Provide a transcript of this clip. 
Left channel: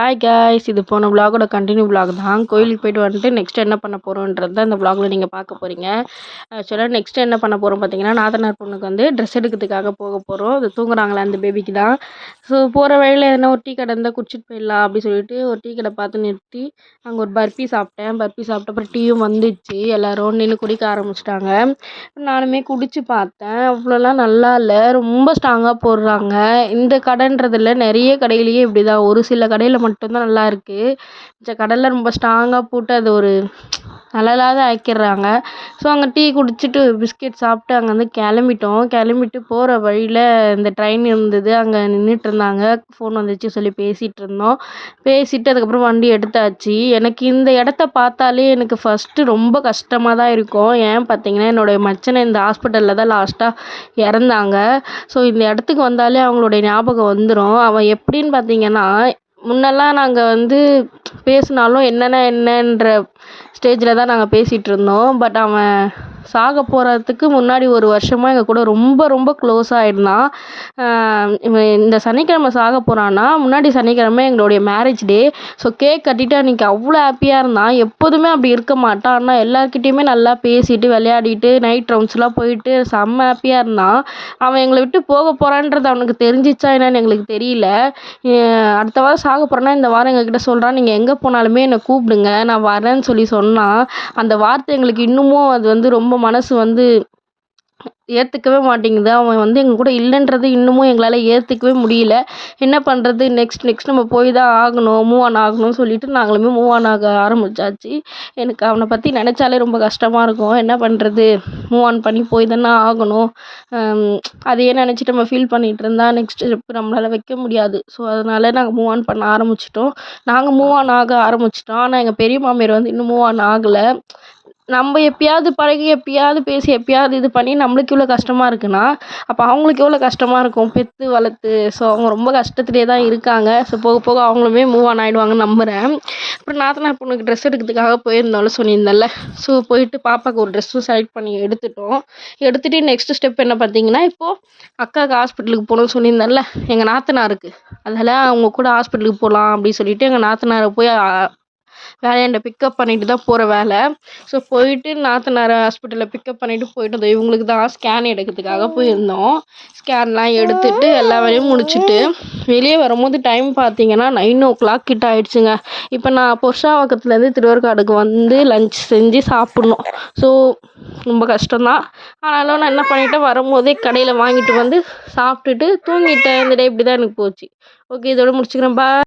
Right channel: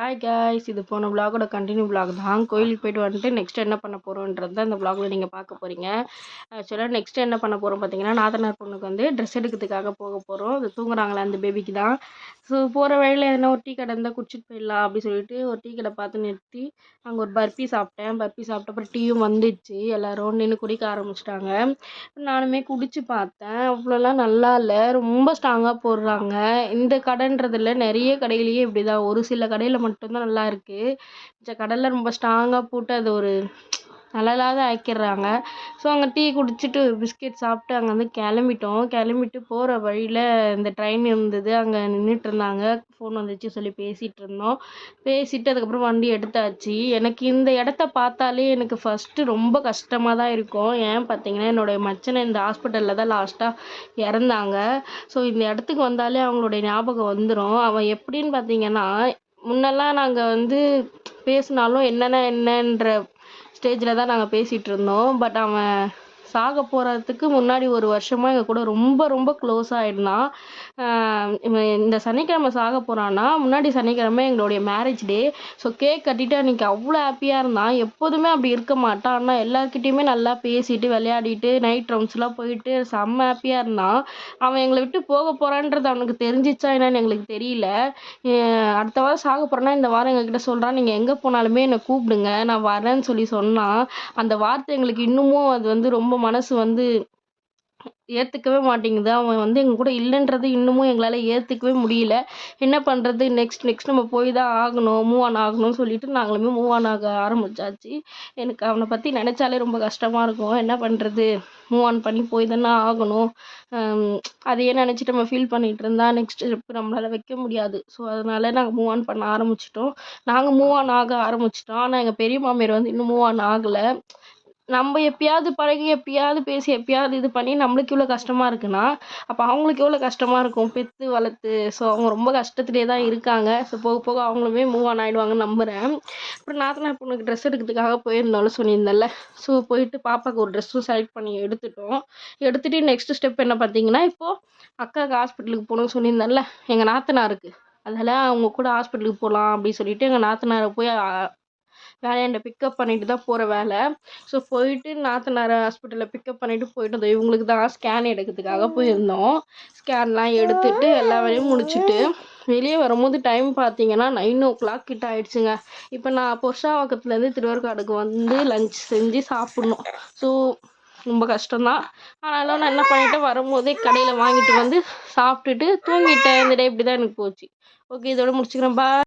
Hi guys, இது போன விலாகோட continue vlog தான். கோயிலுக்கு போயிட்டு வந்துட்டு நெக்ஸ்ட் என்ன பண்ண போகிறோன்றது தான் இந்த விலாகில் நீங்கள் பார்க்க போகிறீங்க. ஆக்சுவலாக நெக்ஸ்ட் என்ன பண்ண போகிறோம் பார்த்தீங்கன்னா, நாத்தனார் பொண்ணுக்கு வந்து ட்ரெஸ் எடுக்கிறதுக்காக போக போகிறோம். அது தூங்குறாங்களே அந்த பேபிக்கு தான். ஸோ போகிற வழியில் எதனா ஒரு டீ கடை இருந்தால் குடிச்சிட்டு போயிடலாம் அப்படி சொல்லிட்டு ஒரு டீ கடை பார்த்து நிறுத்தி அங்கே ஒரு பர்ஃபி சாப்பிட்டேன். பர்ஃபி சாப்பிட்ட அப்புறம் டீயும் வந்துச்சு. எல்லோரும் நின்று குடிக்க ஆரம்பிச்சிட்டாங்க. நானுமே குடிச்சு பார்த்தேன். அவ்வளோலாம் நல்லா இல்லை, ரொம்ப ஸ்ட்ராங்காக போடுறாங்க. இந்த கடைன்றதில்ல, நிறைய கடையிலேயே இப்படி தான். ஒரு சில கடையில் மட்டும்தான் நல்லா இருக்குது. மிச்ச கடையில் ரொம்ப ஸ்ட்ராங்காக போட்டு அது ஒரு நல்லா இல்லாத ஆக்கிடுறாங்க. ஸோ அங்கே டீ குடிச்சிட்டு பிஸ்கெட் சாப்பிட்டு அங்கேருந்து கிளம்பிட்டோம். கிளம்பிட்டு போகிற வழியில் இந்த ட்ரெயின் இருந்தது, அங்கே நின்றுட்டு இருந்தாங்க. ஃபோன் வந்துச்சு சொல்லி பேசிகிட்டு இருந்தோம். பேசிட்டு அதுக்கப்புறம் வண்டி எடுத்தாச்சு. எனக்கு இந்த இடத்த பார்த்தாலே எனக்கு ஃபஸ்ட்டு ரொம்ப கஷ்டமாக தான் இருக்கும். ஏன் பார்த்தீங்கன்னா, என்னுடைய மச்சனை இந்த ஹாஸ்பிட்டலில் தான் லாஸ்ட்டாக இறந்தாங்க. ஸோ இந்த இடத்துக்கு வந்தாலே அவங்களுடைய ஞாபகம் வந்துடும். அவன் எப்படின்னு பார்த்தீங்கன்னா, முன்னெல்லாம் நாங்கள் வந்து பேசினாலும் என்னென்ற ஸ்டேஜில் தான் நாங்கள் பேசிகிட்டு இருந்தோம். பட் அவன் சாக போகிறதுக்கு முன்னாடி ஒரு வருஷமாக எங்கள் கூட ரொம்ப ரொம்ப க்ளோஸ் ஆகிருந்தான். இவன் இந்த சனிக்கிழமை சாக போகிறான்னா, முன்னாடி சனிக்கிழமை எங்களுடைய மேரேஜ் டே. ஸோ கேக் கட்டிட்டு அன்றைக்கி அவ்வளோ ஹாப்பியாக இருந்தான். எப்போதுமே அப்படி இருக்க மாட்டான். ஆனால் எல்லாருக்கிட்டேயுமே நல்லா பேசிட்டு விளையாடிட்டு நைட் ரவுண்ட்ஸ்லாம் போயிட்டு செம்ம ஹாப்பியாக இருந்தான். அவன் எங்களை விட்டு போக போகிறான்றது அவனுக்கு தெரிஞ்சிச்சா என்னன்னு எங்களுக்கு தெரியல. அடுத்த வாரம் சாக போகிறேன்னா இந்த வாரம் எங்ககிட்ட சொல்கிறான், நீங்கள் எங்கே போனாலுமே என்னை கூப்பிடுங்க, நான் வரேன்னு சொன்னான். அந்த வார்த்தை எங்களுக்கு இன்னமும் அது வந்து ரொம்ப மனசு வந்து ஏற்றுக்கவே மாட்டேங்குது. அவன் வந்து எங்கள் கூட இல்லைன்றது இன்னமும் எங்களால் ஏற்றுக்கவே முடியல. என்ன பண்ணுறது, நெக்ஸ்ட் நம்ம போய் தான் ஆகணும், மூவ் ஆன் ஆகணும்னு சொல்லிட்டு நாங்களுமே மூவ் ஆன் ஆக ஆரம்பிச்சாச்சு. எனக்கு அவனை பற்றி நினச்சாலே ரொம்ப கஷ்டமாக இருக்கும். என்ன பண்ணுறது, மூவ் ஆன் பண்ணி போய் தானே ஆகணும். அதையே நினச்சிட்டு நம்ம ஃபீல் பண்ணிகிட்டு இருந்தால் நெக்ஸ்ட் ஸ்டெப் நம்மளால் வைக்க முடியாது. ஸோ அதனால் நாங்கள் மூவ் ஆன் பண்ண ஆரம்பிச்சிட்டோம். நாங்கள் மூவ் ஆன் ஆக ஆரம்பிச்சிட்டோம். ஆனால் எங்கள் பெரிய மாமியார் வந்து இன்னும் மூவ் ஆன் ஆகலை. நம்ம எப்பயாவது பழகி எப்பயாவது பேசி எப்பயாவது இது பண்ணி நம்மளுக்கு இவ்வளோ கஷ்டமாக இருக்குன்னா, அப்போ அவங்களுக்கு எவ்வளோ கஷ்டமாக இருக்கும் பெற்று வளர்த்து. ஸோ அவங்க ரொம்ப கஷ்டத்துலேயே தான் இருக்காங்க. ஸோ போக போக அவங்களுமே மூவ் ஆன் ஆகிடுவாங்கன்னு நம்புகிறேன். அப்புறம் நாத்தனார் பொண்ணுக்கு ட்ரெஸ் எடுக்கிறதுக்காக போயிருந்தாலும் சொல்லியிருந்தேன்ல. ஸோ போயிட்டு பாப்பாவுக்கு ஒரு ட்ரெஸ்ஸும் செலக்ட் பண்ணி எடுத்துட்டோம். எடுத்துகிட்டு நெக்ஸ்ட் ஸ்டெப் என்ன பார்த்தீங்கன்னா, இப்போது அக்காவுக்கு ஹாஸ்பிட்டலுக்கு போகணும்னு சொல்லியிருந்தேன்ல, எங்கள் நாத்தனாருக்கு. அதனால் அவங்க கூட ஹாஸ்பிட்டலுக்கு போகலாம் அப்படின்னு சொல்லிட்டு எங்கள் நாத்தனாரை போய் வேலையாண்ட பிக்கப் பண்ணிட்டு தான் போகிற வேலை. ஸோ போயிட்டு நாத்தனாரை ஹாஸ்பிட்டலில் பிக்கப் பண்ணிவிட்டு போயிட்டு வந்தோம். இவங்களுக்கு தான் ஸ்கேன் எடுக்கிறதுக்காக போயிருந்தோம். ஸ்கேன்லாம் எடுத்துகிட்டு எல்லா வேலையும் முடிச்சுட்டு வெளியே வரும்போது டைம் பார்த்தீங்கன்னா 9:00 கிட்ட ஆயிடுச்சுங்க. இப்போ நான் புருஷாவாக்கத்துலேருந்து திருவேற்காடுக்கு வந்து லஞ்ச் செஞ்சு சாப்பிட்ணும். ஸோ ரொம்ப கஷ்டம்தான். ஆனாலும் நான் என்ன பண்ணிட்டேன், வரும்போதே கடையில் வாங்கிட்டு வந்து சாப்பிட்டுட்டு தூங்கிட்டேன். இந்த டே இப்படி தான் எனக்கு போச்சு. ஓகே, இதோட முடிச்சுக்கிறேன். பாய்.